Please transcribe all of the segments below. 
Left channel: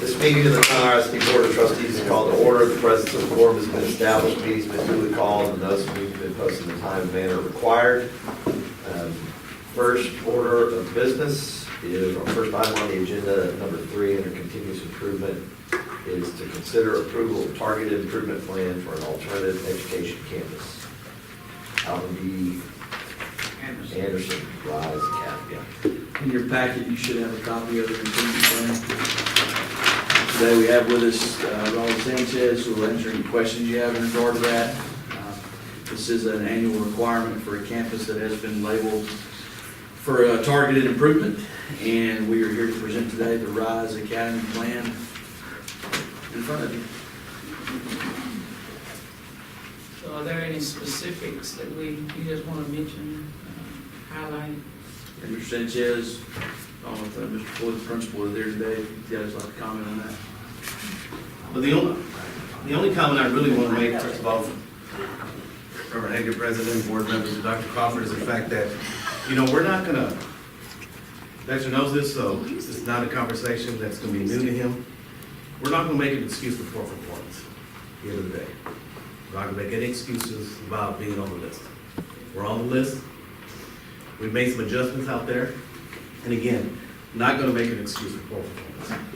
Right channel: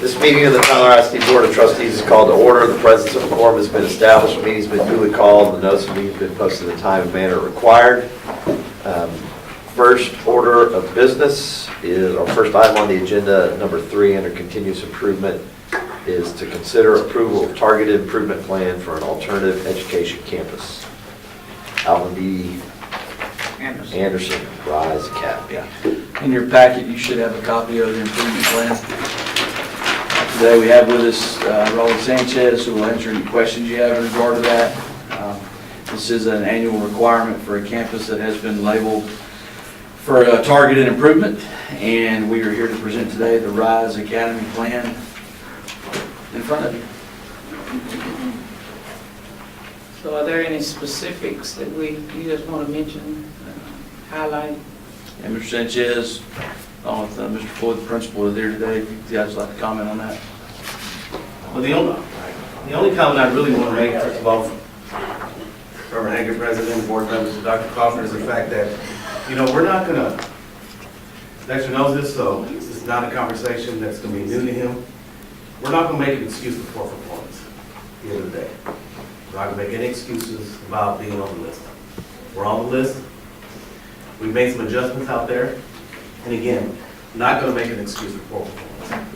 This meeting of the Tyler ISD Board of Trustees is called to order. The presence of a quorum has been established. The meeting's been duly called. The notice of meeting has been posted in the time and manner required. First order of business is, our first item on the agenda, number 3, under continuous improvement, is to consider approval of targeted improvement plan for an alternative education campus. Alvin B. Anderson, Rise Academy. In your packet, you should have a copy of the improvement plan. Today we have with us Raul Sanchez, who will answer any questions you have in regard to that. This is an annual requirement for a campus that has been labeled for a targeted improvement, and we are here to present today the Rise Academy plan in front of you. So are there any specifics that you just want to mention, highlight? And Mr. Sanchez, along with Mr. Floyd, the principal, is there today. If you guys would like to comment on that. Well, the only comment I really want to make, first of all, Reverend Hager, President, Board members, and Dr. Crawford, is the fact that, we're not going to, Dexter knows this, so this is not a conversation that's going to be new to him. We're not going to make an excuse for poor performance at the end of the day. We're not going to make any excuses about being on the list. We're on the list. We've made some adjustments out there. And again, not going to make an excuse for poor performance.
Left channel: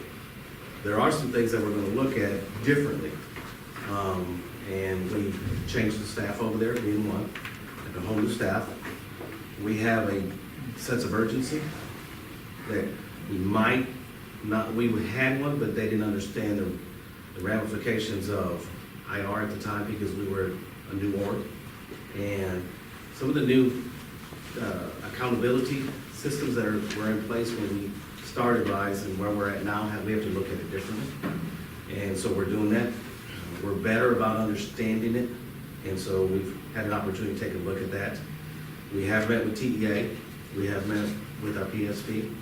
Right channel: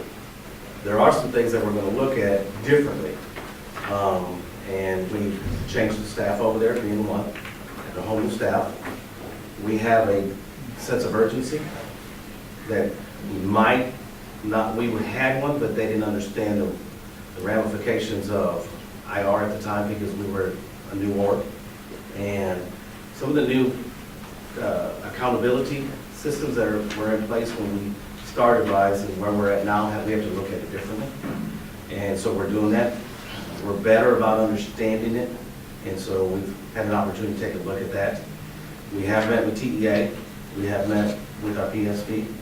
There are some things that we're going to look at differently. And we've changed the staff over there, being one, and a whole new staff. We have a sense of urgency that we might not, we had one, but they didn't understand the ramifications of IR at the time because we were a new org. And some of the new accountability systems that were in place when we started RISE and where we're at now, we have to look at it differently. And so we're doing that. We're better about understanding it. And so we've had an opportunity to take a look at that. We have met with TEA. We have met with our PSP.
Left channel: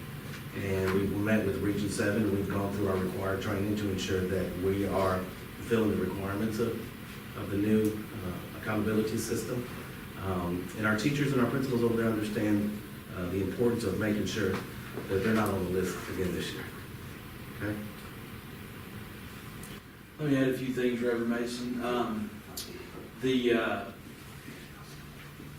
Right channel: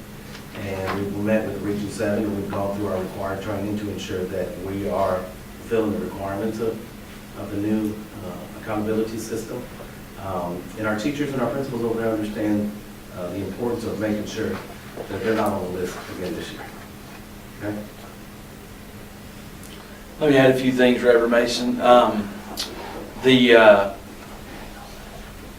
And we've met with Region 7. And we've gone through our required training to ensure that we are fulfilling the requirements of the new accountability system. And our teachers and our principals over there understand the importance of making sure that they're not on the list again this year. Okay? Let me add a few things, Reverend Mason. The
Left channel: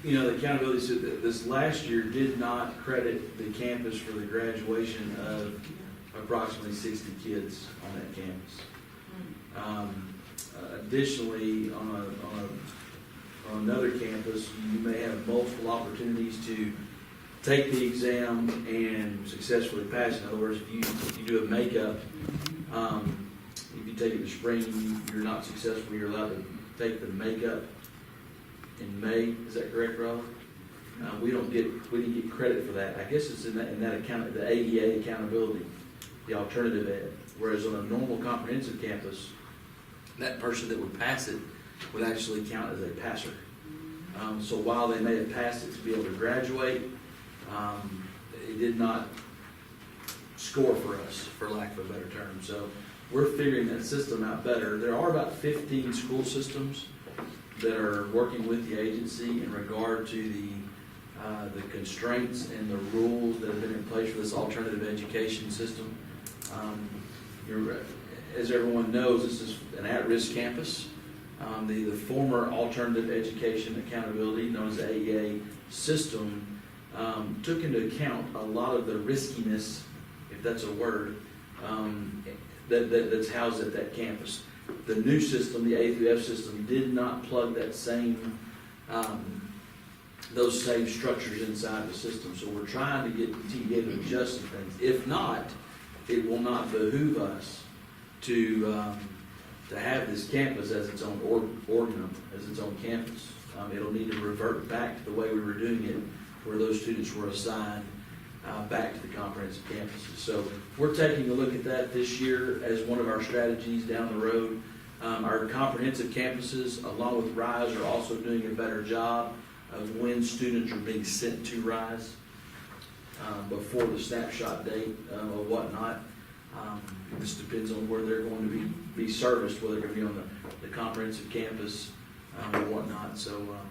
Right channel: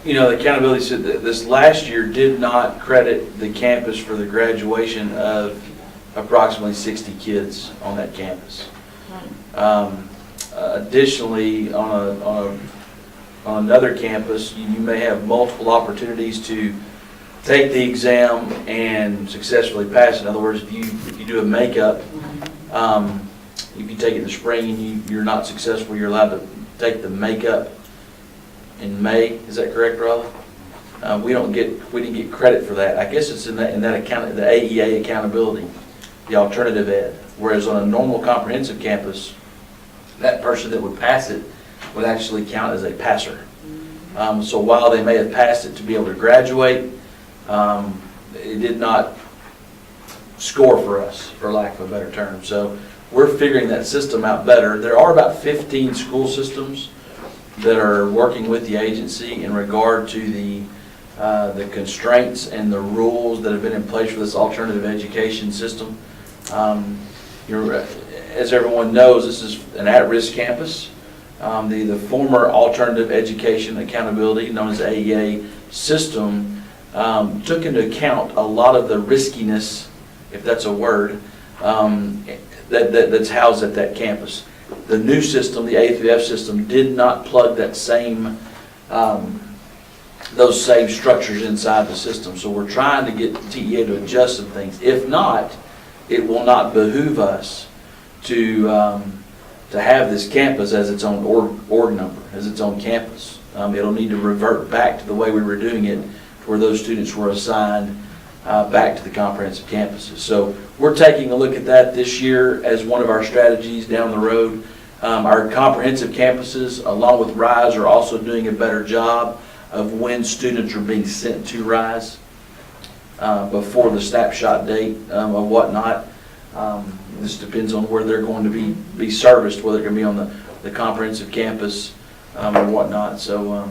accountability said that this last year did not credit the campus for the graduation of approximately 60 kids on that campus. Additionally, on another campus, you may have multiple opportunities to take the exam and successfully pass. In other words, if you do a makeup, if you take it in the spring and you're not successful, you're allowed to take the makeup in May. Is that correct, Rolla? We didn't get credit for that. I guess it's in that account, the AEA accountability, the alternative ed. Whereas on a normal comprehensive campus, that person that would pass it would actually count as a passer. So while they may have passed it to be able to graduate, it did not score for us, for lack of a better term. So we're figuring that system out better. There are about 15 school systems that are working with the agency in regard to the constraints and the rules that have been in place for this alternative education system. As everyone knows, this is an at-risk campus. The former Alternative Education Accountability, known as AEA system, took into account a lot of the riskiness, if that's a word, that's housed at that campus. The new system, the A3F system, did not plug that same, those same structures inside the system. So we're trying to get TEA to adjust some things. If not, it will not behoove us to have this campus as its own org number, as its own campus. It'll need to revert back to the way we were doing it, where those students were assigned back to the comprehensive campuses. So we're taking a look at that this year as one of our strategies down the road. Our comprehensive campuses, along with RISE, are also doing a better job of when students are being sent to RISE before the snapshot date of whatnot. This depends on where they're going to be serviced, whether they're going to be on the comprehensive campus or whatnot. So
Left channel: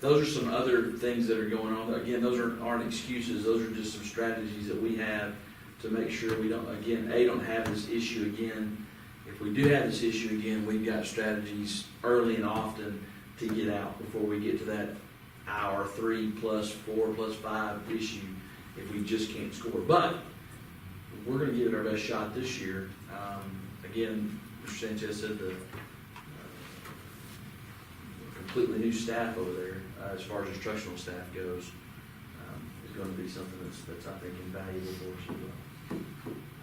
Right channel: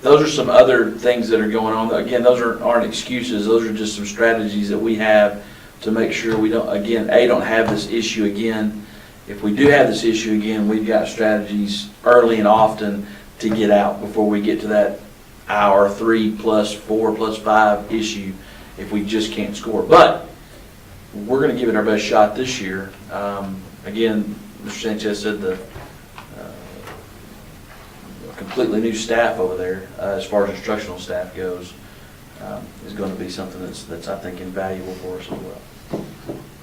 those are some other things that are going on. Again, those aren't excuses. Those are just some strategies that we have to make sure we don't, again, don't have this issue again. If we do have this issue again, we've got strategies early and often to get out before we get to that hour 3+4+5 issue if we just can't score. But we're gonna give it our best shot this year. Again, Mr. Sanchez said the completely new staff over there, as far as instructional staff goes, is gonna be something that's I think invaluable for us as well.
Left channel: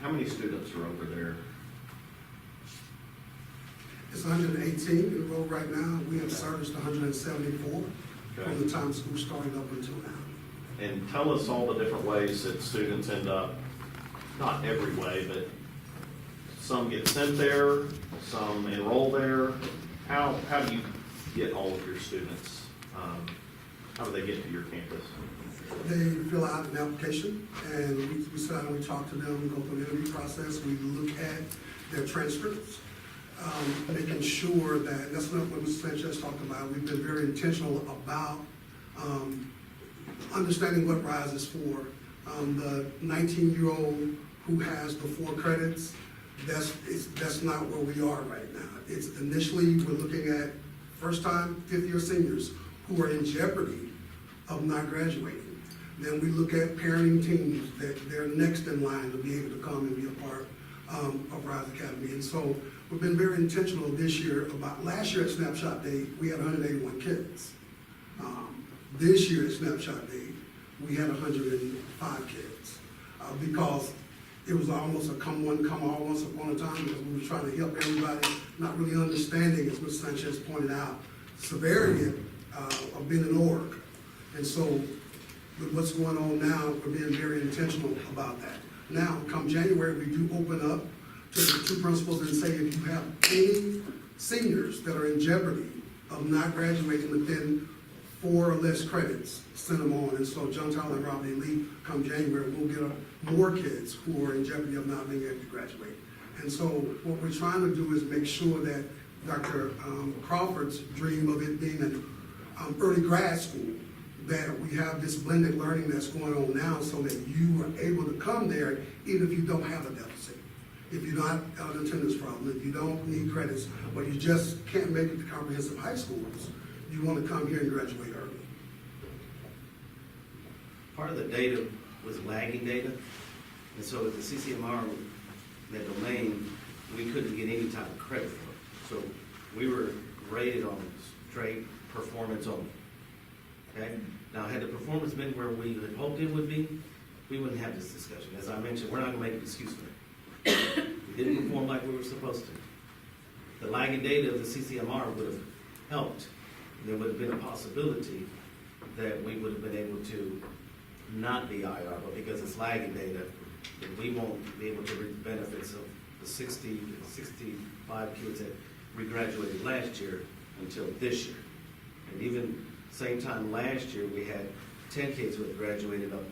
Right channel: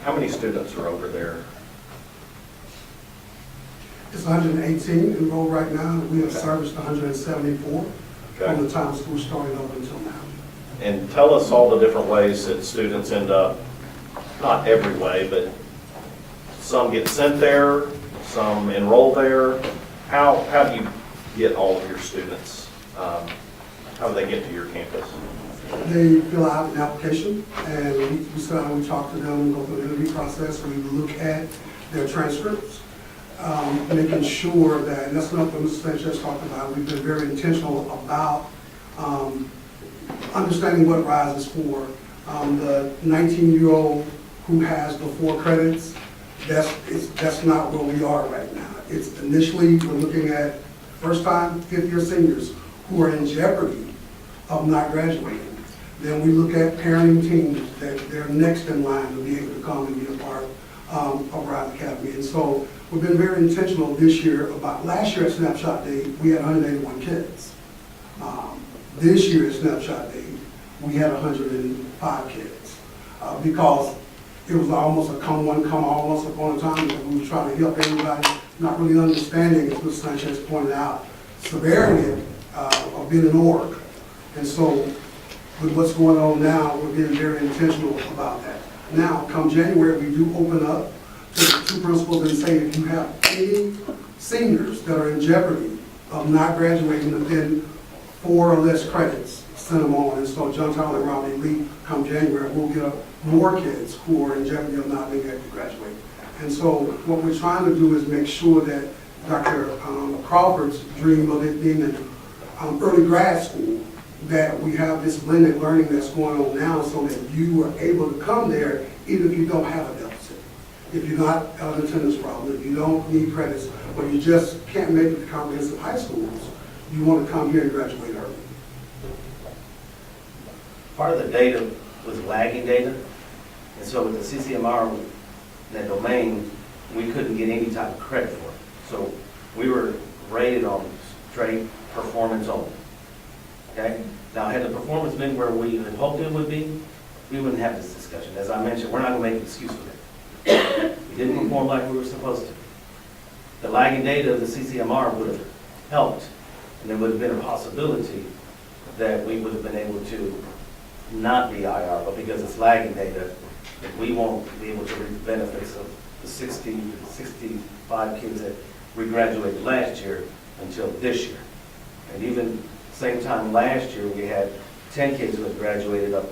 How many students are over there? It's 118 enrolled right now. We have serviced 174 from the time school started up until now. And tell us all the different ways that students end up, not every way, but some get sent there, some enroll there. How do you get all of your students? How do they get to your campus? They fill out an application, and we sit down, we talk to them, we go through the interview process, we look at their transcripts, making sure that, and that's what Mr. Sanchez talked about, we've been very intentional about understanding what RISE is for. The 19-year-old who has the 4 credits, that's not where we are right now. It's initially, we're looking at first-time, fifth-year seniors who are in jeopardy of not graduating. Then we look at parenting teams that they're next in line to be able to come and be a part of RISE Academy. And so we've been very intentional this year about, last year at Snapshot Day, we had 181 kids. This year at Snapshot Day, we had 105 kids. Because it was almost a come one, come all once upon a time, that we were trying to help everybody, not really understanding, as Mr. Sanchez pointed out, severity of being an org. And so with what's going on now, we're being very intentional about that. Now, come January, we do open up to the 2 principals and say, if you have any seniors that are in jeopardy of not graduating within 4 or less credits, send them on. And so John Tyler and Robbie Lee, come January, we'll get more kids who are in jeopardy of not being able to graduate. And so what we're trying to do is make sure that Dr. Crawford's dream of it being an early grad school, that we have this blended learning that's going on now so that you are able to come there even if you don't have a deficit. If you're not an attendance problem, if you don't need credits, or you just can't make it to comprehensive high schools, you want to come here and graduate early. Part of the data was lagging data, and so with the CCMR, that domain, we couldn't get any type of credit for it. So we were rated on straight performance only. Okay? Now, had the performance been where we had hoped it would be, we wouldn't have this discussion. As I mentioned, we're not going to make an excuse for it. We didn't perform like we were supposed to. The lagging data of the CCMR would have helped, and there would have been a possibility that we would have been able to not be IR, but because it's lagging data, that we won't be able to reap the benefits of the 60 to 65 kids that we graduated last year until this year. And even same time last year, we had 10 kids who have graduated up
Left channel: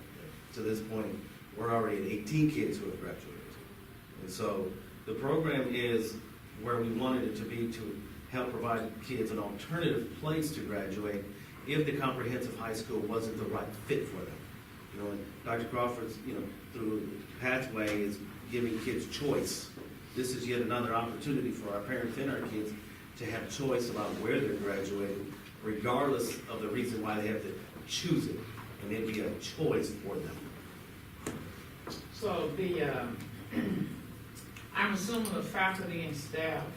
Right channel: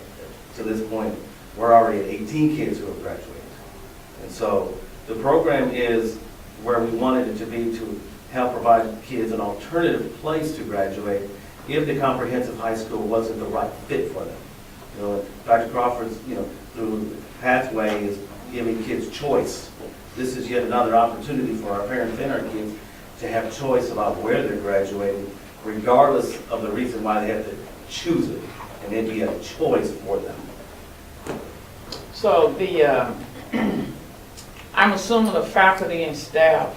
to this point. We're already at 18 kids who have graduated. And so the program is where we wanted it to be, to help provide kids an alternative place to graduate if the comprehensive high school wasn't the right fit for them. You know, Dr. Crawford's, through the pathway is giving kids choice. This is yet another opportunity for our parents and our kids to have choice about where they're graduating, regardless of the reason why they have to choose it, and then be a choice for them. So I'm assuming the faculty and staff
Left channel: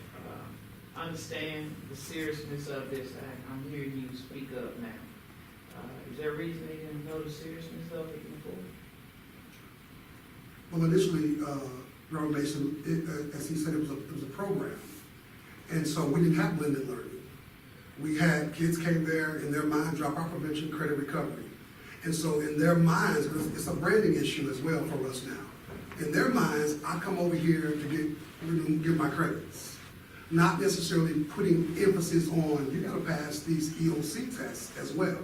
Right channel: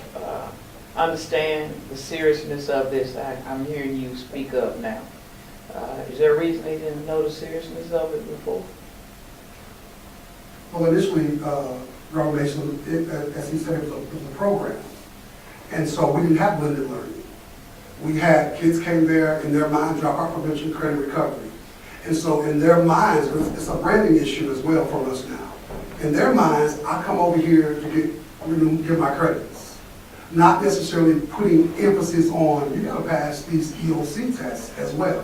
understand the seriousness of this. I'm hearing you speak up now. Is there a reason they didn't know the seriousness of it before? Well, initially, Robert Mason, as he said, it was a program. And so we didn't have blended learning. We had kids came there in their mind, dropout prevention, credit recovery. And so in their minds, it's a branding issue as well for us now. In their minds, I come over here to get my credits. Not necessarily putting emphasis on, you gotta pass these EOC tests as well.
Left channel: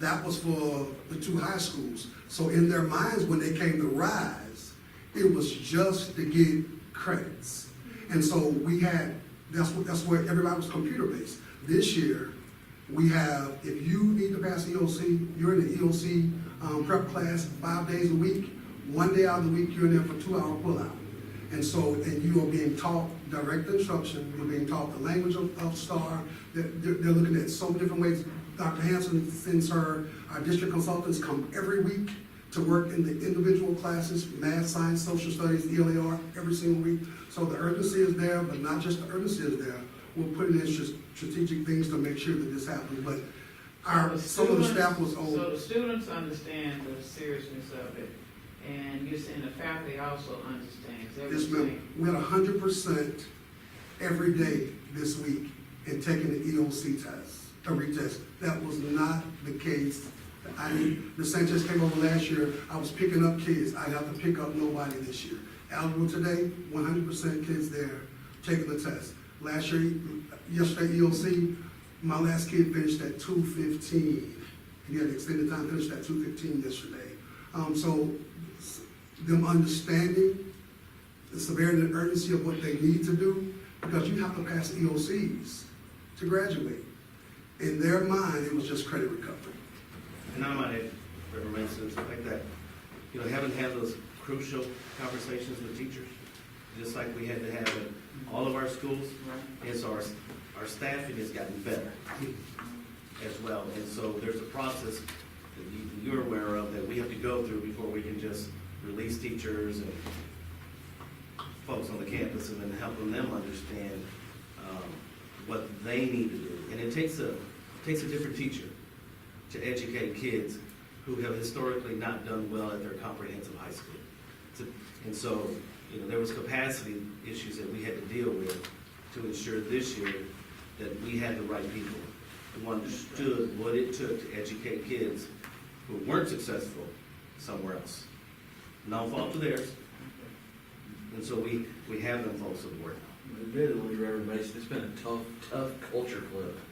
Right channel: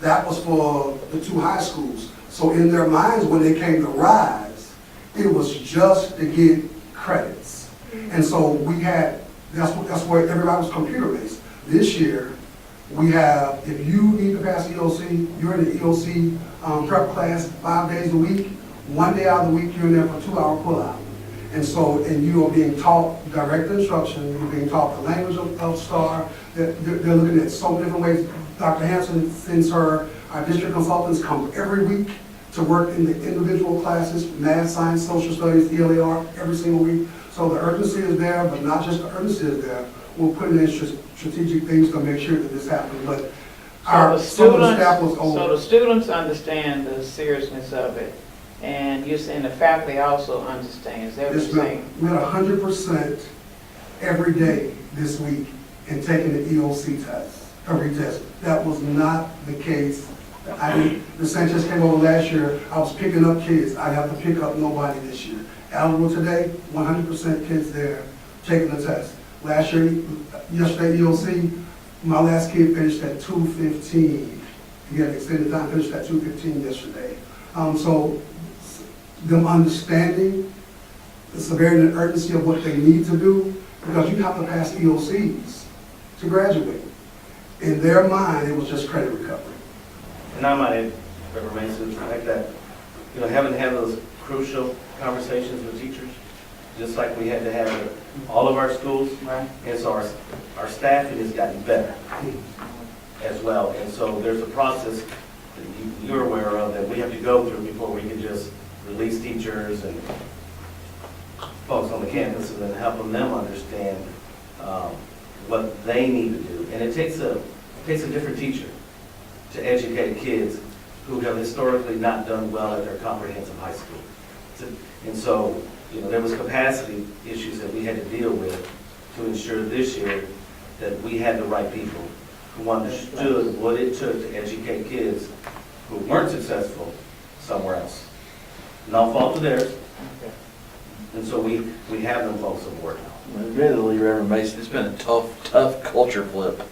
That was for the 2 high schools. So in their minds, when they came to RISE, it was just to get credits. And so we had, that's where everybody was computer-based. This year, we have, if you need to pass EOC, you're in the EOC prep class 5 days a week, one day out of the week, you're in there for a 2-hour pull-out. And so, and you are being taught direct instruction, you're being taught the language of STAR, they're looking at so many different ways. Dr. Hanson sends our district consultants come every week to work in the individual classes, math, science, social studies, ELAR, every single week. So the urgency is there, but not just the urgency is there. We're putting in strategic things to make sure that this happens, but our student staff was So over. the students understand the seriousness of it, and you're saying the faculty also understands, that what Yes, you're ma'am. saying? We had 100% every day this week in taking the EOC test, a retest. That was not the case. The Sanchez came over last year, I was picking up kids, I have to pick up nobody this year. Eligible today, 100% kids there taking the test. Last year, yesterday EOC, my last kid finished at 2:15. He had extended time, finished at 2:15 yesterday. So them understanding the severity and urgency of what they need to do, because you have to pass EOCs to graduate. In their mind, it was just credit recovery. And I might add, Reverend Mason, the fact that, having to have those crucial conversations with teachers, just like we had to have at all of our schools. Right. And so our staffing has gotten better as well. And so there's a process that you're aware of that we have to go through before we can just release teachers and folks on the campus and then helping them understand what they need to do. And it takes a different teacher to educate kids who have historically not done well at their comprehensive high school. And so, there was capacity issues that we had to deal with to ensure this year that we had the right people who understood what it took to educate kids who weren't successful somewhere else. No fault of theirs. And so we have them folks on board. Admittedly, Reverend Mason, it's been a tough culture flip.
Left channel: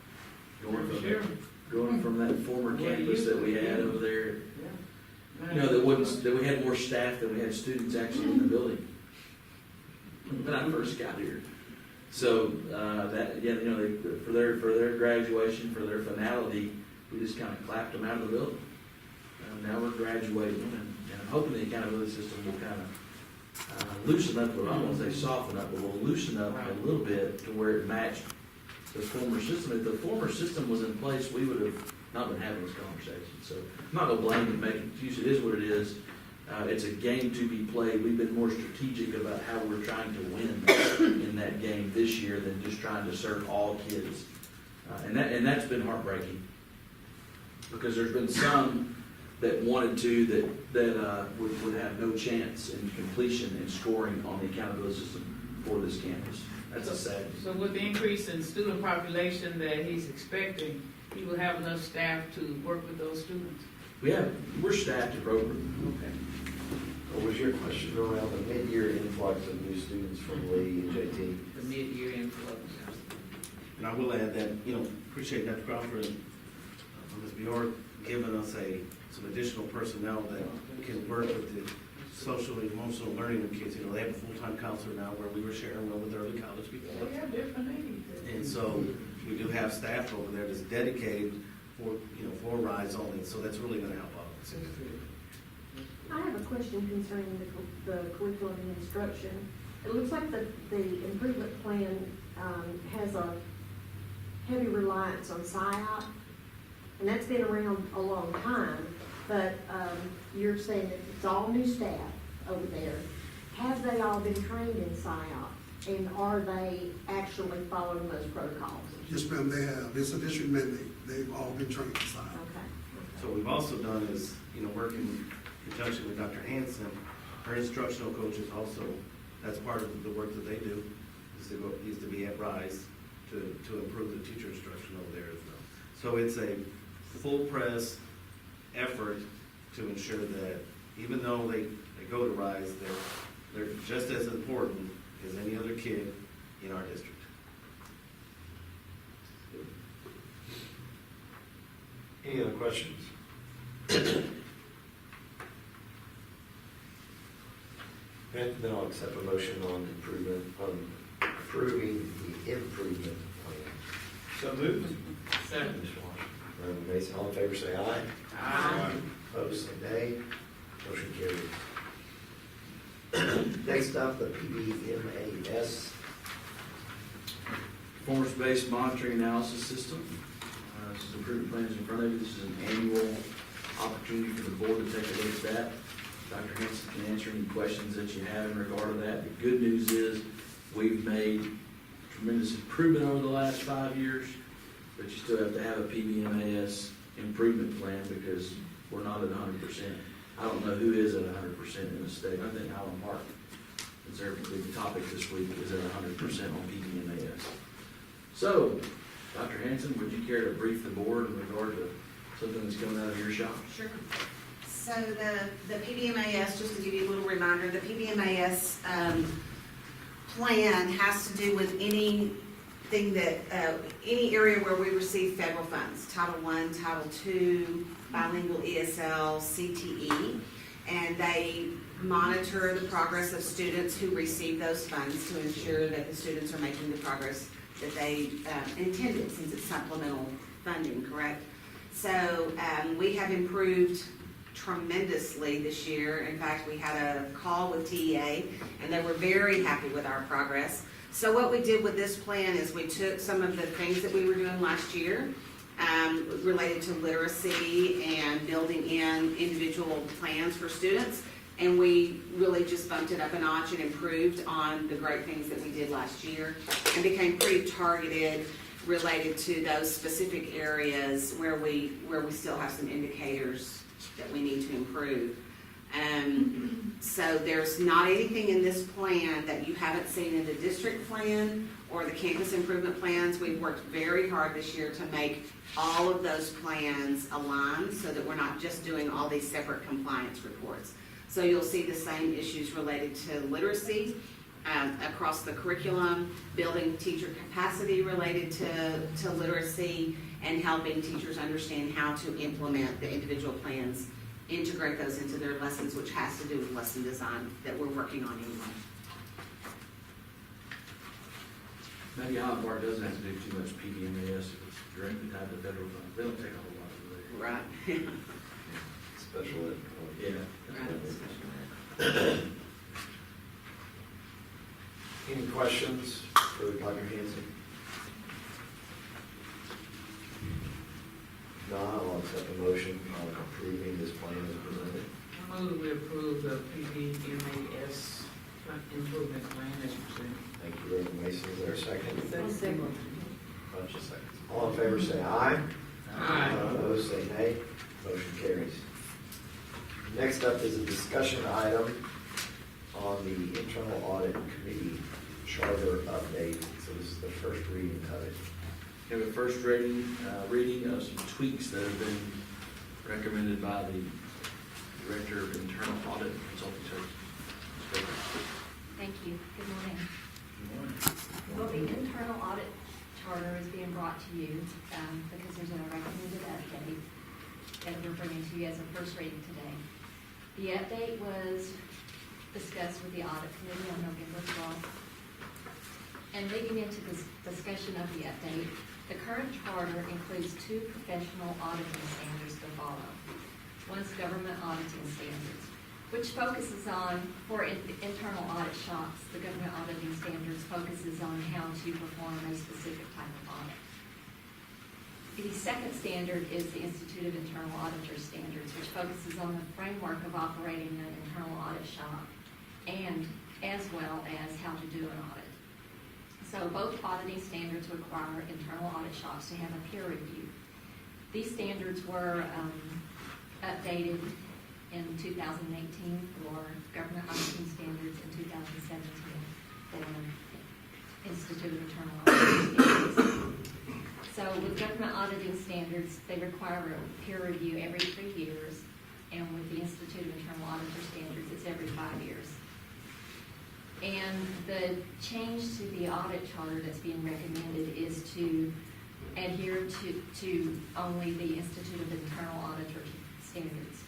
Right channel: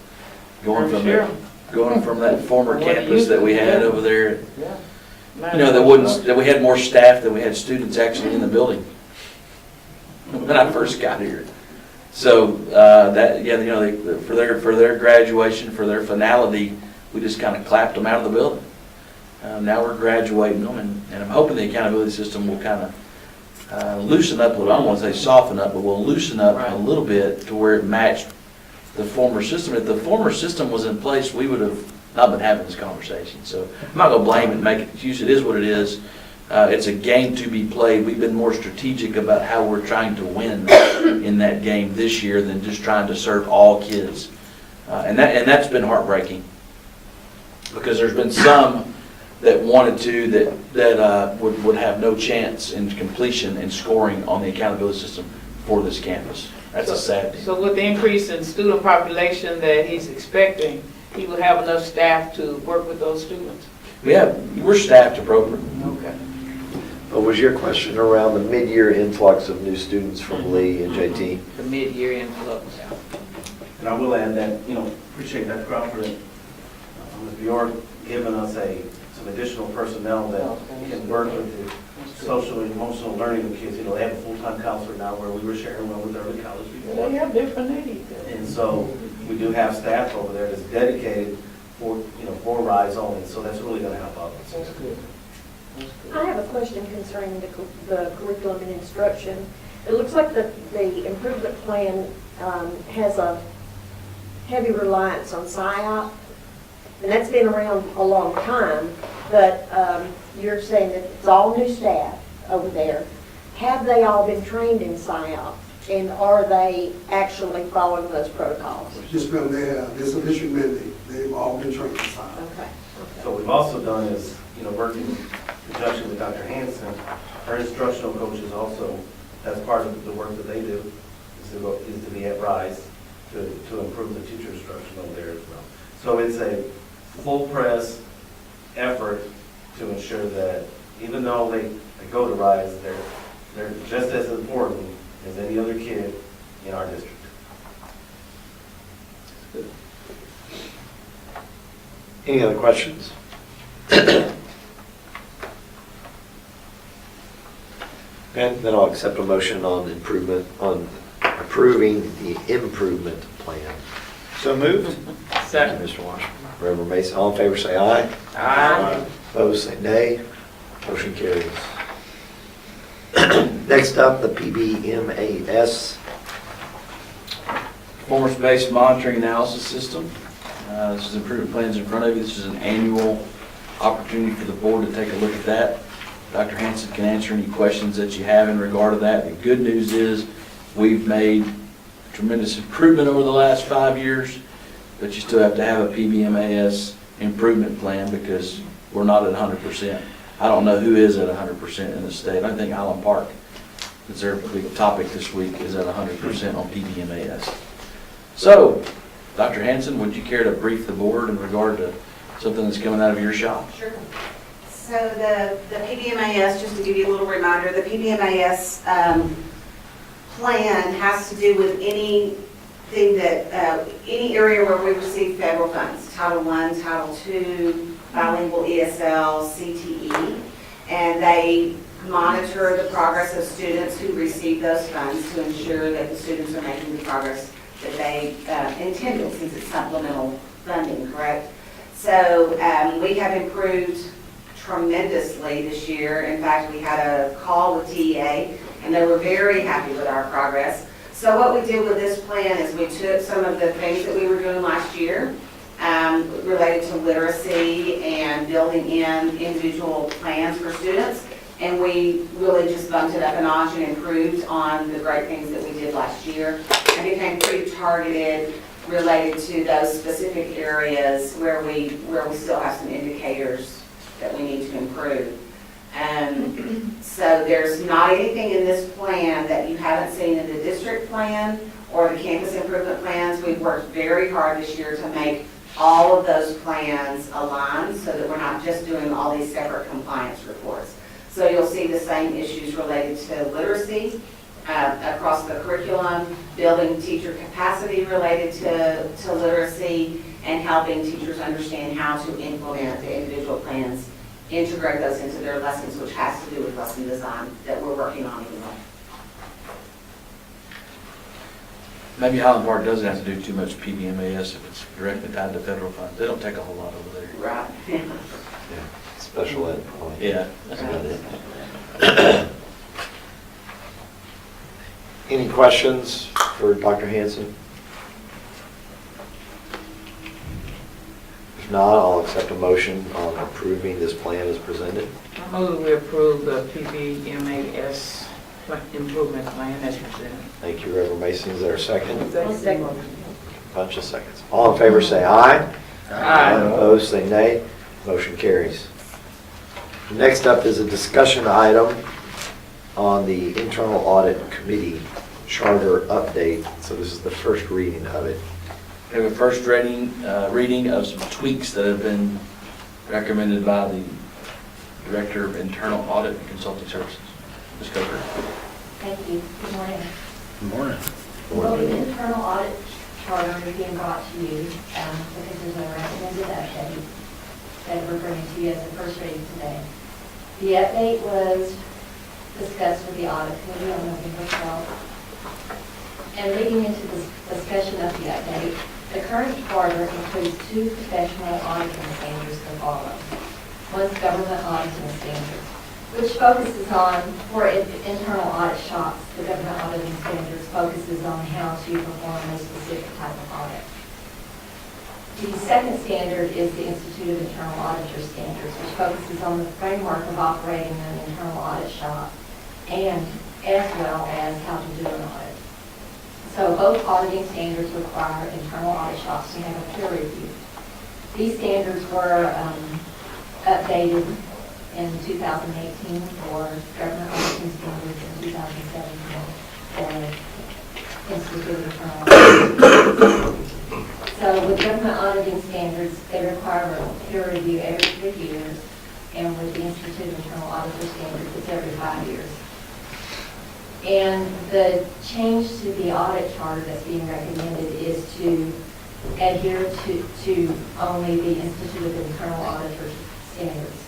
Going from Sure. going from that former What campus you that we do, had yeah. over there, Yeah. that we had more staff than we had students actually in the building when I first got here. So, for their graduation, for their finality, we just kind of clapped them out of the building. Now we're graduating them, and I'm hoping the accountability system will kind of loosen up a little. I don't want to say soften up, but will loosen up Right. a little bit to where it matched the former system. If the former system was in place, we would have not been having this conversation. So I'm not going to blame and make it excuse. It is what it is. It's a game to be played. We've been more strategic about how we're trying to win in that game this year than just trying to serve all kids. And that's been heartbreaking, because there's been some that wanted to, that would have no chance in completion and scoring on the accountability system for this campus. That's a sad thing. So with the increase in student population that he's expecting, he will have enough staff to work with those students? We're staffed appropriately. Okay. What was your question around the mid-year influx of new students from Lee and JT? The mid-year influx. And I will add that, appreciate that, Crawford, Ms. Bjork giving us some additional personnel that can work with the social and emotional learning of kids. They have a full-time counselor now, where we were sharing one with early college before. They have different needs. And so we do have staff over there that's dedicated for RISE only, so that's really gonna help out. That's good. That's good. I have a question concerning the curriculum and instruction. It looks like the improvement plan has a heavy reliance on SIOP, and that's been around a long time, but you're saying that it's all new staff over there. Have they all been trained in SIOP, and are they actually following those protocols? Just ma'am, they have, it's a district mandate, they've all been trained to sign. Okay. So what we've also done is, working in conjunction with Dr. Hanson, our instructional coaches also, that's part of the work that they do, is to be at RISE to improve the teacher instruction over there as well. So it's a full press effort to ensure that even though they go to RISE, they're just as important as any other kid in our district. Any other questions? Okay, then I'll accept a motion on approving the improvement plan. So moved. Second. Mr. Washington. Reverend Mason, all in favor say aye. Aye. Opposed say nay. Motion carries. Next up, the PBMAS. Performance-based monitoring analysis system. This is improvement plans in front of you. This is an annual opportunity for the board to take a look at that. Dr. Hanson can answer any questions that you have in regard to that. The good news is we've made tremendous improvement over the last 5 years, but you still have to have a PBMAS improvement plan because we're not at 100%. I don't know who is at 100% in the state. I think Highland Park is their big topic this week, is at 100% on PBMAS. So, Dr. Hanson, would you care to brief the board in regard to something that's coming out of your shop? Sure. So the PBMAS, just to give you a little reminder, the PBMAS plan has to do with anything that, any area where we receive federal funds, Title I, Title II, bilingual ESL, CTE, and they monitor the progress of students who receive those funds to ensure that the students are making the progress that they intended, since it's supplemental funding, correct? So we have improved tremendously this year. In fact, we had a call with TEA, and they were very happy with our progress. So what we did with this plan is we took some of the things that we were doing last year related to literacy and building in individual plans for students, and we really just bumped it up a notch and improved on the great things that we did last year, and became pretty targeted related to those specific areas where we still have some indicators that we need to improve. So there's not anything in this plan that you haven't seen in the district plan or the campus improvement plans. We've worked very hard this year to make all of those plans aligned so that we're not just doing all these separate compliance reports. So you'll see the same issues related to literacy across the curriculum, building teacher capacity related to literacy, and helping teachers understand how to implement the individual plans, integrate those into their lessons, which has to do with lesson design that we're working on anyway. Maybe Highland Park doesn't have to do too much PBMAS if it's directly tied to federal funds. They don't take a whole lot over there. Right. Special ed. Yeah. Any questions for Dr. Hanson? If not, I'll accept a motion on approving this plan as presented. I move we approve the PBMAS improvement plan as presented. Thank you, Reverend Mason. Is there a second? Second. Bunch of seconds. All in favor say aye. Aye. Opposed say nay. Motion carries. Next up is a discussion item on the Internal Audit Committee Charter update. So this is the first reading of it. We have a first reading of some tweaks that have been recommended by the Director of Internal Audit and Consulting Services. Ms. Coker. Thank you. Good morning. Good morning. Well, the internal audit charter is being brought to you because there's a recommended update that we're bringing to you as the first reading today. The update was discussed with the audit committee on November 12th. And leading into this discussion of the update, the current charter includes 2 professional auditing standards to follow. One's government auditing standards, which focuses on, for internal audit shops, the government auditing standards focuses on how to perform a specific type of audit. The second standard is the Institute of Internal Auditor Standards, which focuses on the framework of operating an internal audit shop, and as well as how to do an audit. So both auditing standards require internal audit shops to have a peer review. These standards were updated in 2018 for government auditing standards, in 2017 for Institute of Internal Auditing Standards. So with government auditing standards, they require a peer review every 3 years, and with the Institute of Internal Auditor Standards, it's every 5 years. And the change to the audit charter that's being recommended is to adhere to only the Institute of Internal Auditor Standards.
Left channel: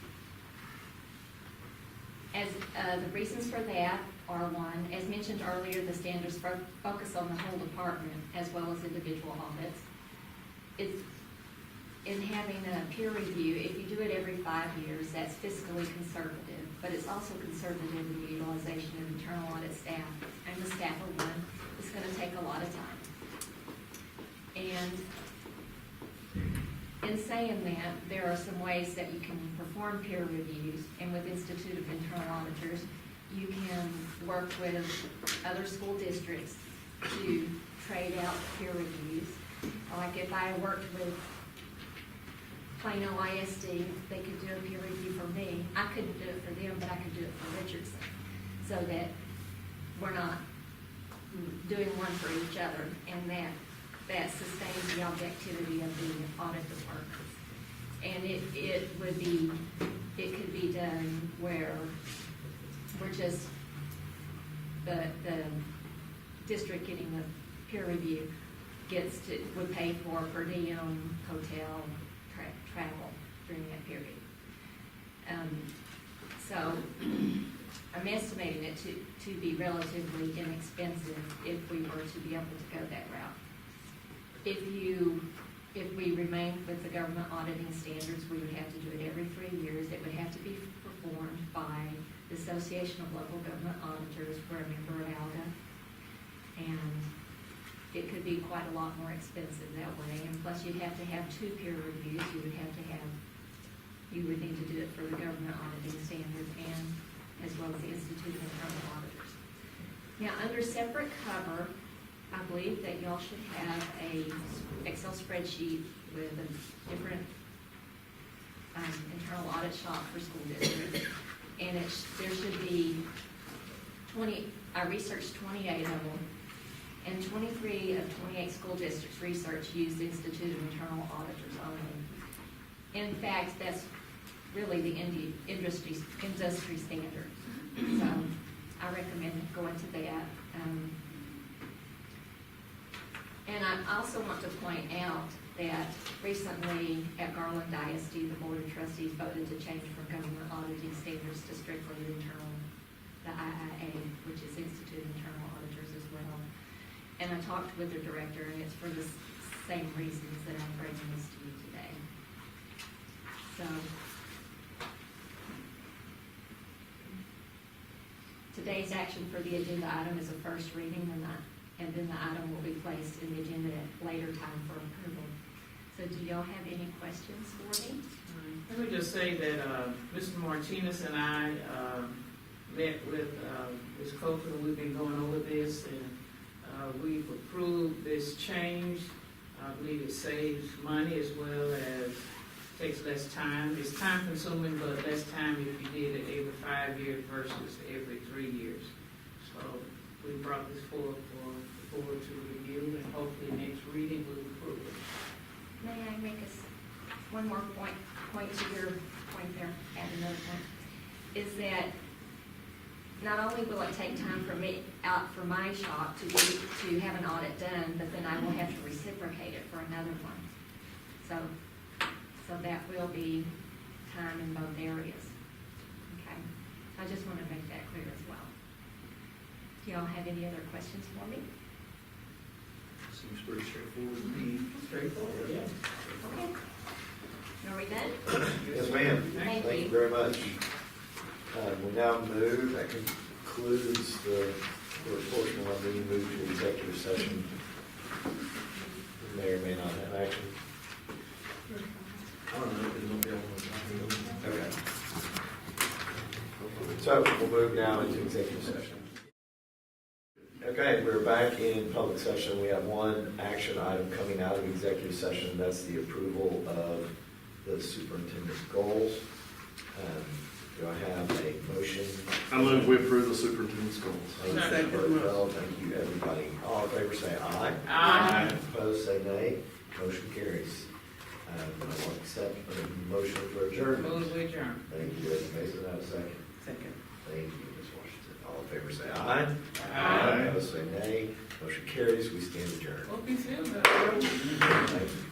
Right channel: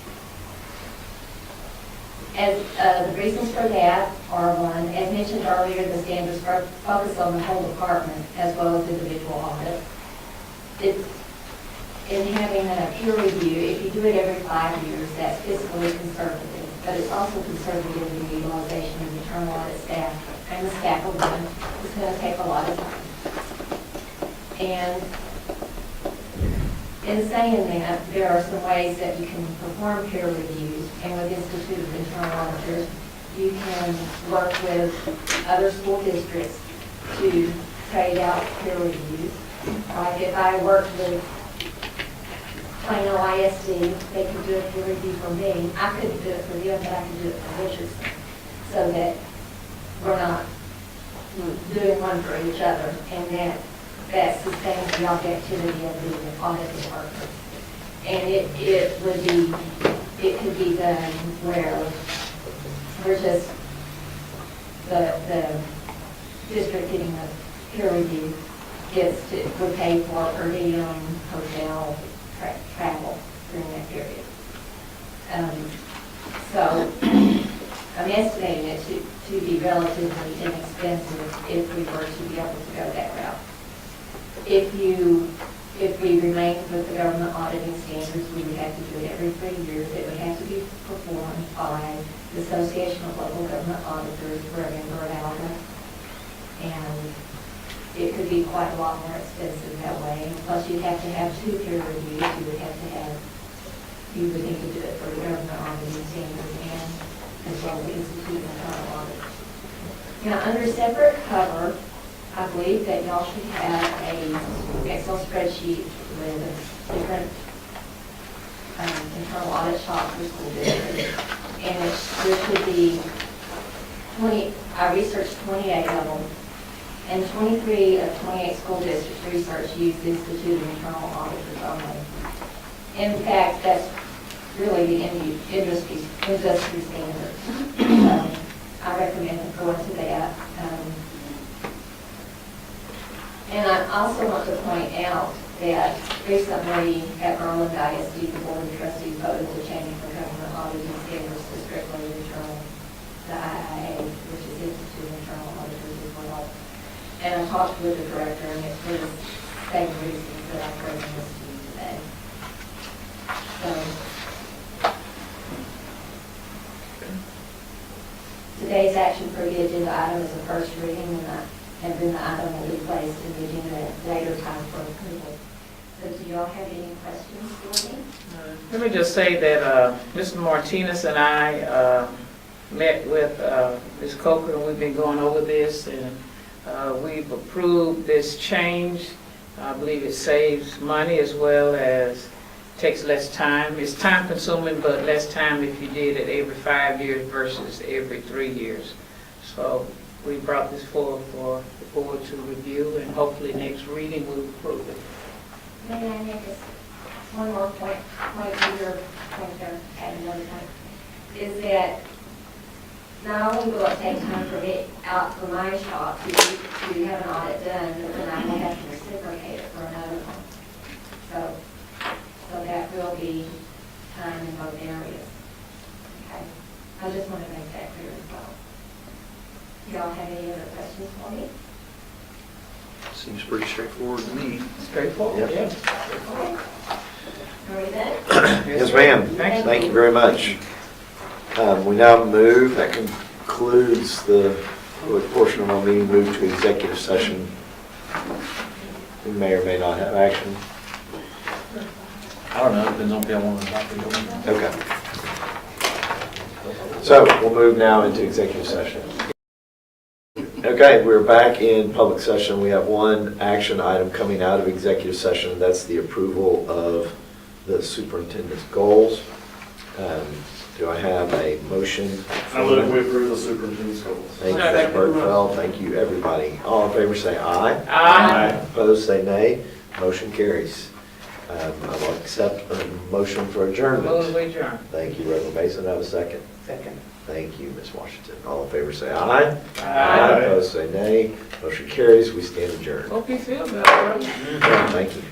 As the reasons for that are, one, as mentioned earlier, the standards focus on the whole department as well as individual audits. In having a peer review, if you do it every 5 years, that's fiscally conservative. but it's also concerning the utilization of the internal audit staff and the staff of them. It's going to take a lot of time. And in saying that, there are some ways that you can perform peer reviews, and with Institute of Internal Auditors, you can work with other school districts to trade out peer reviews. Like if I worked with Plano ISD, they could do a peer review for me. I couldn't do it for them, but I could do it for Richardson. So that we're not doing one for each other, and that sustains the objectivity of the audit department. And it could be done where we're just, the district getting a peer review gets to, we pay for per diem, hotel, travel during that period. So I'm estimating it to be relatively inexpensive if we were to be able to go that route. If we remain with the government auditing standards, we would have to do it every 3 years. It would have to be performed by the Association of Local Government Auditors, we're a member of ALGA. And it could be quite a lot more expensive that way. And plus, you'd have to have 2 peer reviews. You would need to do it for the government auditing standards and as well as the Institute of Internal Auditors. Now, under separate cover, I believe that y'all should have a Excel spreadsheet with different internal audit shops for school districts. And there should be 20, I researched 28 of them, and 23 of 28 school districts research use the Institute of Internal Auditors only. In fact, that's really the industry standard. I recommend going to that. And I also want to point out that recently at Maryland ISD, the Board of Trustees voted to change the government auditing standards to strictly internal, the IIA, which is Institute of Internal Auditors as well. And I talked with the director, and it's for the same reasons that I'm bringing this to you today. So, today's action for the agenda item is the first reading, and then the item will be placed in the agenda at a later time for approval. So do y'all have any questions for me? Let me just say that Mr. Martinez and I met with Ms. Coker, and we've been going over this, and we've approved this change. I believe it saves money as well as takes less time. It's time consuming, but less time if you did it every 5 years versus every 3 years. So we brought this forward for the board to review, and hopefully next reading we'll approve it. May I make this one more point here, add another point, is that not only will it take time for me out for my shop to have an audit done, but then I will have to reciprocate it for another one. So that will be time in both areas. Okay, I just want to make that clear as well. Do y'all have any other questions for me? Seems pretty straightforward to me. Straightforward, Yeah. yeah. Okay. Are we done? Yes, ma'am. Thank you. Thank you very much. We now move, that concludes the portion of our meeting, move to executive session. We may or may not have action. I don't know, depends on if y'all want to talk about it. Okay. So we'll move now into executive session. Okay, we're back in public session. We have one action item coming out of executive session. That's the approval of the superintendent's goals. Do I have a motion? I move we approve the superintendent's goals. Thank you, Mr. Bergfeld. Thank you, everybody. All in favor say aye. Aye. Opposed say nay. Motion carries. I will accept a motion for adjournment. Move to adjourn. Thank you, Reverend Mason. Have a second. Second. Thank you, Ms. Washington. All in favor say aye. Aye. Opposed say nay. Motion carries. We stand adjourned. Hope you feel better. Thank you.